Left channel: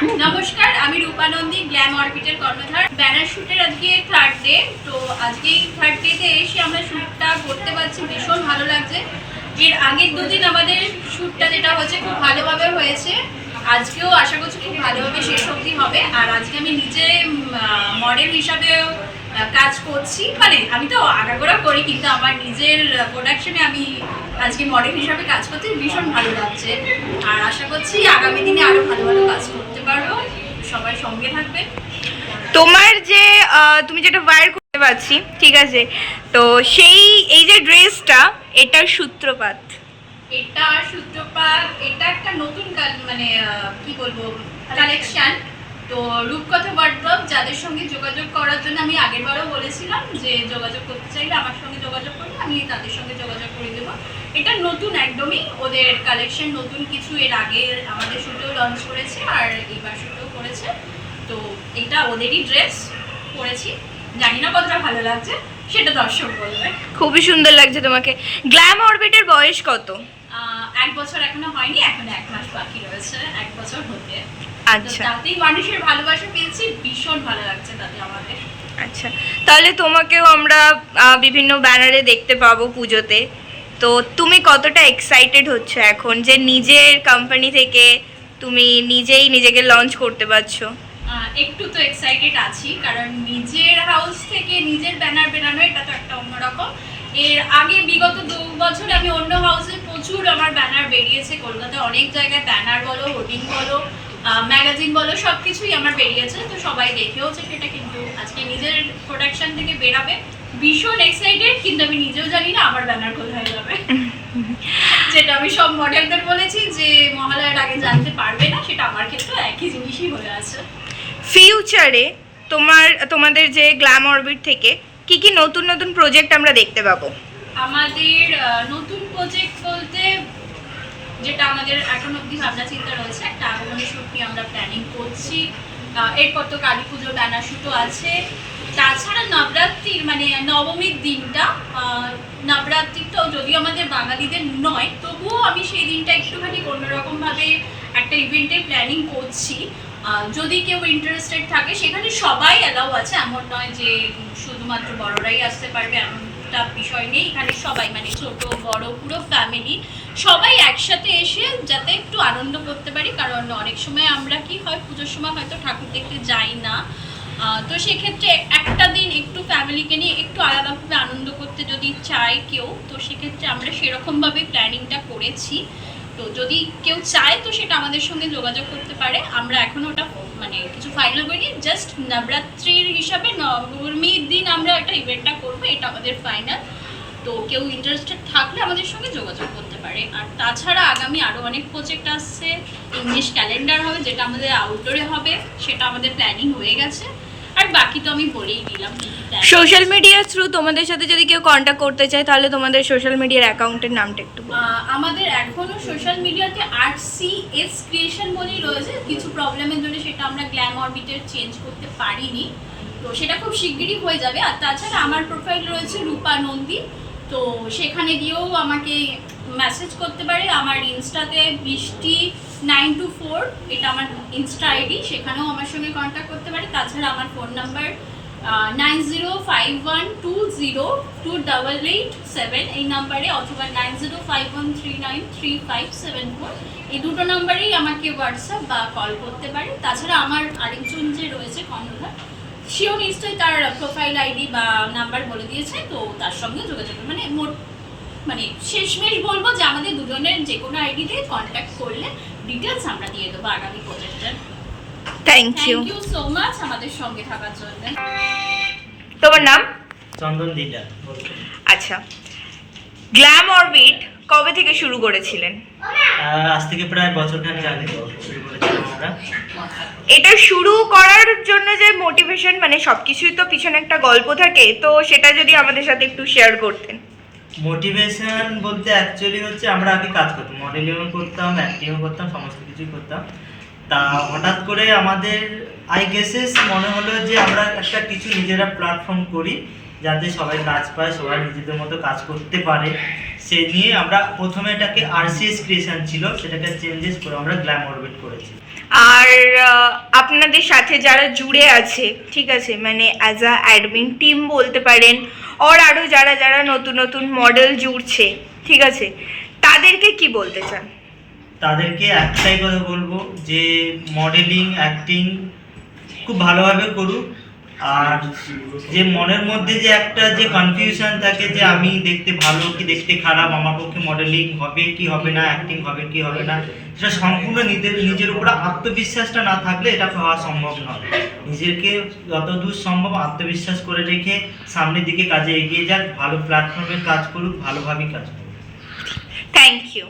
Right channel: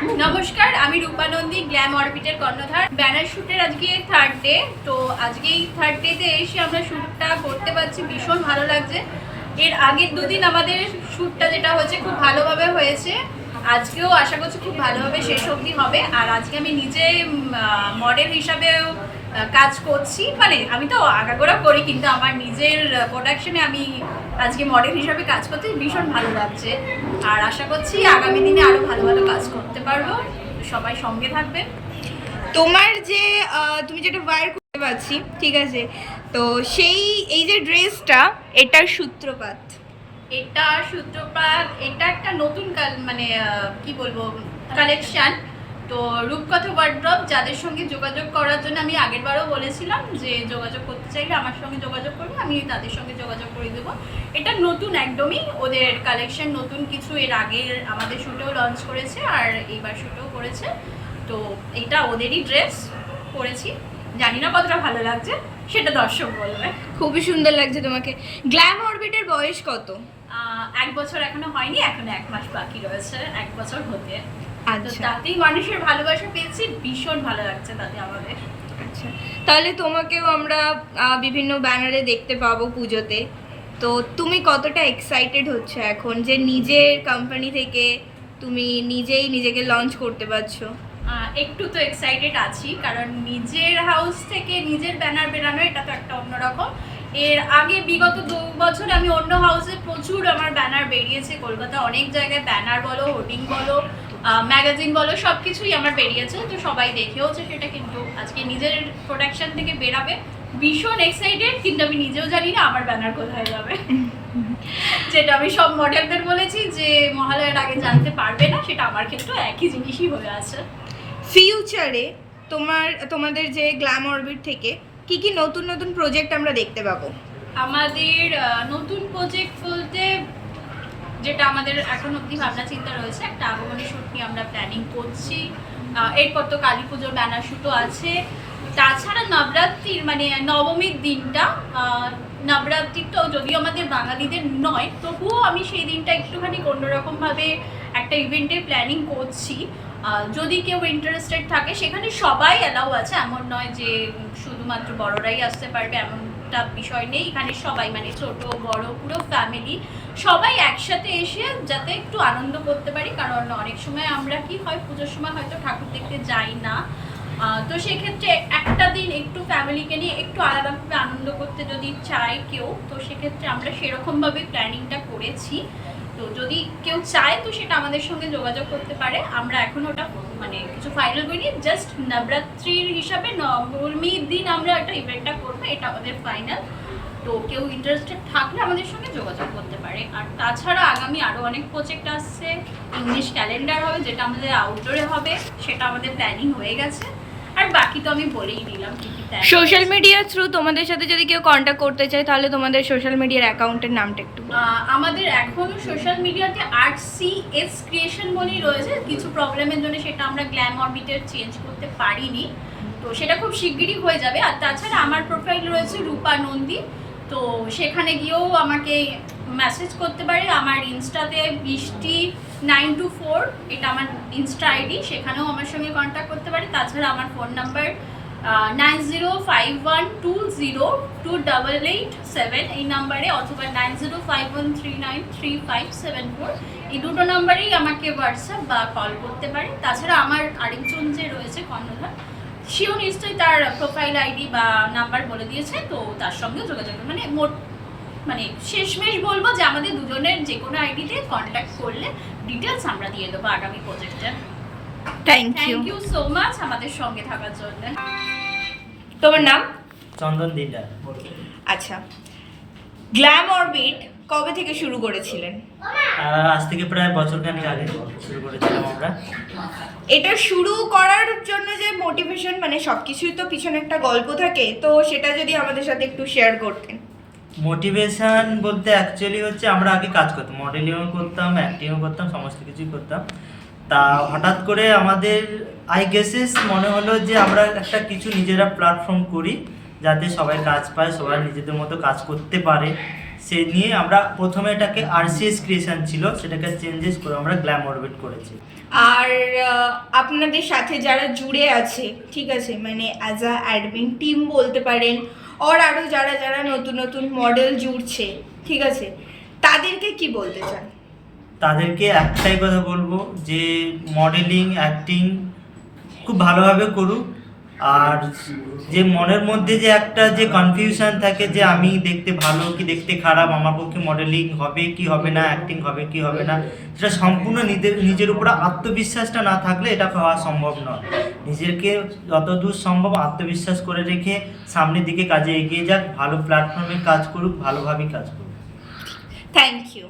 নমস্কার, আমি রূপা নন্দী, গ্ল্যাম অরবিটের কর্ণধার। ব্যানার শ্যুটের আজকে থার্ড ডে। তো আজকে এই থার্ড ডেতে এসে আমরা শ্যুটটা করতে পারছি, ভীষণ ভালো লাগছে। এর আগের দুদিন আমাদের শ্যুটটা যেটা হয়েছে খুব ভালোভাবে হয়েছে, আজকেও আশা করছি খুব ভালোভাবে শেষ অবধি হবে। আর আজকে আমি নিজে মডেল হিসাবেও কাজ করছি, মানে আমি তো আগাগোড়া করি, কিন্তু আমার নিজের প্রোডাকশনে আমি আজকে মডেল হিসাবে কাজ করতে ভীষণ ভালো লাগছে। আর আশা করছি আগামী দিনে আরো ভালো ভালো কাজ করতে পারবো। সবাই সঙ্গে থাকবেন। তোমার যে তুমি যেটা ওয়্যার করতে পারছি, ঠিক আছে, তো সেই এই যে ড্রেসটা, এটার সূত্রপাত। এটা একটা নতুন মানে কি বলবো কালেকশন। তো রূপকথা ওয়ার্ড্রপ যাদের সঙ্গে যোগাযোগ করার জন্য আমি আগেরবারও বলেছিলাম যে যোগাযোগ করতে চাইলে আমার সঙ্গে যোগাযোগ করবে, আমি তাদের সঙ্গে যোগাযোগ করে দেবো। এটা নতুন, একদমই ওদের কালেকশন, নতুন কিছু। এর আগে আমাদের শ্যুটেও লঞ্চ করেছে আর এইবার শ্যুটেও করেছে। তো এটা ওদেরই ড্রেস পরেছি, জানি না কতটা ভালো লাগছে, সেটা দর্শক বলবে। খুবই সুন্দর লাগছে তোমাকে। গ্ল্যাম অরবিটের বয়স কত? 1 বছর এখনো হয়নি, এখনো 1 মাস বাকি রয়েছে 1 বছর হতে। আচ্ছা, তাতেই মানুষের ভালোবাসা পেয়েছি, ভীষণ ভালো লাগছে তাতে আমাদের। আচ্ছা, তাহলে তোমাকেও আমরা বিভিন্ন ব্যানারে দেখতে পাবো পুজোতে। তো তুমি কতটা এক্সাইটেড হচ্ছ এখন যে নিজের কোম্পানি থেকে তুমি নিজেই নিজেকে লঞ্চ করতে পারছো? একটু তো এক্সাইটেড আছি, কারণ নিজের হাউস থেকে নিজের ব্যানার বেরানো এটা তো একটা অন্যরকম। এর আগে বিগত 2 বছর আমি অন্য হাউসে প্রচুর আমার ব্যানার বেরিয়েছে, কলকাতা অনেক জায়গায় ব্যানার বলো, হোর্ডিং বলো, ম্যাগাজিন বলো, সব কিছুই আমার বেরিয়েছে। তো সবাই দেখেওছে সেটা, কিন্তু আজকে নিজের প্রোডাকশন থেকে বেরাবে, ভীষণ এক্সাইটেড। কিন্তু আমি নিজেও জানি না আমার ব্যানার কোথায় যাবে। যেটা আমি সব মডেলদের বলেছি যে মহালয়ার আগে জানতে পারবে না, সেটা আমার ক্ষেত্রে একই জিনিসই হয়ে আছে। ফিউচারে তোমাদের যে গ্ল্যাম অরবিট থেকে কি কি নতুন নতুন প্রজেক্ট আমরা দেখতে পাবো? আমাদের নতুন প্রজেক্ট বলতে যেটা আমাদের এখন অবধি ভাবনা চিন্তা রয়েছে, একটা আগমনী শ্যুট নিয়ে আমরা প্ল্যানিং করছি। এরপর তো কালী পুজোর ব্যানার শ্যুটও আছে। তাছাড়া নবরাত্রির মানে নবমীর দিনটা, নবরাত্রিটাও যদিও আমাদের বাঙালিদের নয়, তবুও আমি সেই দিনটা একটুখানি অন্যরকমভাবে একটা ইভেন্টের প্ল্যানিং করছি। যদি কেউ ইন্টারেস্টেড থাকে, সেখানে সবাই অ্যালাউ আছে, এমন নয় যে শুধুমাত্র বড়রাই আসতে পারবে, এমনটা বিষয় নেই। এখানে সবাই মানে ছোট বড় পুরো ফ্যামিলি সবাই একসাথে এসে যাতে একটু আনন্দ করতে পারি। কারণ অনেক সময় আমরা কি হয় পুজোর সময় হয়তো ঠাকুর দেখতে যাই না, তো সেক্ষেত্রে একটা দিন একটু ফ্যামিলিকে নিয়ে একটু আলাদাভাবে আনন্দ করতে যদি চায় কেউ, তো সেক্ষেত্রে আমরা সেরকমভাবেই প্ল্যানিংটা করেছি। তো যদি কেউ চায় তো সেটা আমাদের সঙ্গে যোগাযোগ করতে পারে। আমরা এখনও ওটা মানে কিছু ফাইনাল করিনি, জাস্ট নবরাত্রির হিসাবে নবমীর দিন আমরা একটা ইভেন্টটা করবো, এটা আমাদের ফাইনাল। তো কেউ ইন্টারেস্টেড থাকলে আমাদের সঙ্গে যোগাযোগ করতে পারে। আর তাছাড়া আগামী আরও অনেক প্রজেক্ট আসছে। ইংলিশ ক্যালেন্ডার হবে, যেটা আমাদের আউটডোরে হবে, সেটা আমাদের প্ল্যানিং হয়ে গেছে। আর বাকি তো আমি বলেই দিলাম। সোশ্যাল মিডিয়ার থ্রু তোমাদের সাথে যদি কেউ কন্ট্যাক্ট করতে চায়, তাহলে তোমাদের সোশ্যাল মিডিয়ার অ্যাকাউন্টের নামটা একটু বলো। আমাদের এখনও সোশ্যাল মিডিয়াতে RCS ক্রিয়েশন বলেই রয়েছে। কিছু প্রবলেমের জন্য সেটা আমরা গ্ল্যাম অরবিটের চেঞ্জ করতে পারিনি, তো সেটা খুব শিগগিরই হয়ে যাবে। আর তাছাড়া আমার প্রোফাইল রয়েছে রূপা নন্দী, তো সেখানে গিয়েও আমাকে মেসেজ করতে পারে। আমার ইনস্টাতে বৃষ্টি 924 এটা আমার ইনস্টা আইডি, সেখানেও আমার সঙ্গে কন্ট্যাক্ট করতে পারে। তাছাড়া আমার ফোন নাম্বার 9051202887 এই নাম্বারে, অথবা 9051393574 এই দুটো নাম্বারেই আমাকে হোয়াটসঅ্যাপ বা কল করতে পারে। তাছাড়া আমার আরেকজন যে রয়েছে কর্ণধার, সেও নিশ্চয়ই তার প্রোফাইল আইডি বা নাম্বার বলে দিয়েছে, তো তার সঙ্গেও যোগাযোগ মানে মানে শেষমেশ বলবো যে আমাদের দুজনের যে কোনো আইডিতে কন্ট্যাক্ট করলে ডিটেলস আমরা দিয়ে দেবো আগামী প্রজেক্টের। থ্যাংক ইউ সো মাচ আমাদের সঙ্গে থাকার জন্য। তোমার নাম? চন্দন দিডা। আচ্ছা, গ্ল্যাম অরবিট কবে থেকে শুরু করেছিলেন? আজ থেকে প্রায় বছরখানেক আগে শুরু করেছিলাম আমরা। এটা শুরু করার জন্য যে মোটিভেশন, মানে সবকিছুই তো পিছনে একটা গল্প থাকে, তো সেটা যদি আমাদের সাথে একটু শেয়ার করতেন। মোটিভেশন বলতে অ্যাকচুয়ালি হচ্ছে আমরা আগে কাজ করতাম, মডেলিংও করতাম, অ্যাক্টিংও করতাম, সমস্ত কিছুই করতাম। তা হঠাৎ করে আমাদের মনে হলো যে আমরা একটা কিছু নিজেরা প্ল্যাটফর্ম করি, যাতে সবাই কাজ পায়, সবাই নিজেদের মতো কাজ করতে পারে, সে নিয়ে আমরা প্রথমে এটাকে আরসিএস ক্রিয়েশন ছিল, সেটাকে চেঞ্জেস করে আমরা গ্ল্যাম অরবিট করেছি। আর আপনাদের সাথে যারা জুড়ে আছে, ঠিক আছে, মানে অ্যাজ আ অ্যাডমিন টিম বলতে পারেন, আর আরও যারা যারা নতুন নতুন মডেল জুড়ছে, ঠিক আছে, তাদেরকে কি বলতে চান? তাদেরকে একটাই কথা বলবো যে মডেলিং অ্যাক্টিং খুব ভালোভাবে করুক। আর যে মনের মধ্যে যে একটা যে কনফিউশন থাকে যে আমি দেখতে ভালো কি দেখতে খারাপ, আমার পক্ষে মডেলিং হবে কি হবে না, অ্যাক্টিং হবে কি হবে না, সেটা সম্পূর্ণ নিজের উপরে আত্মবিশ্বাসটা না থাকলে এটা হওয়া সম্ভব নয়। নিজেকে যতদূর সম্ভব আত্মবিশ্বাস করে রেখে সামনের দিকে কাজে এগিয়ে যাক, ভালো প্ল্যাটফর্মে কাজ করুক, ভালোভাবেই কাজ করুক। Thank you.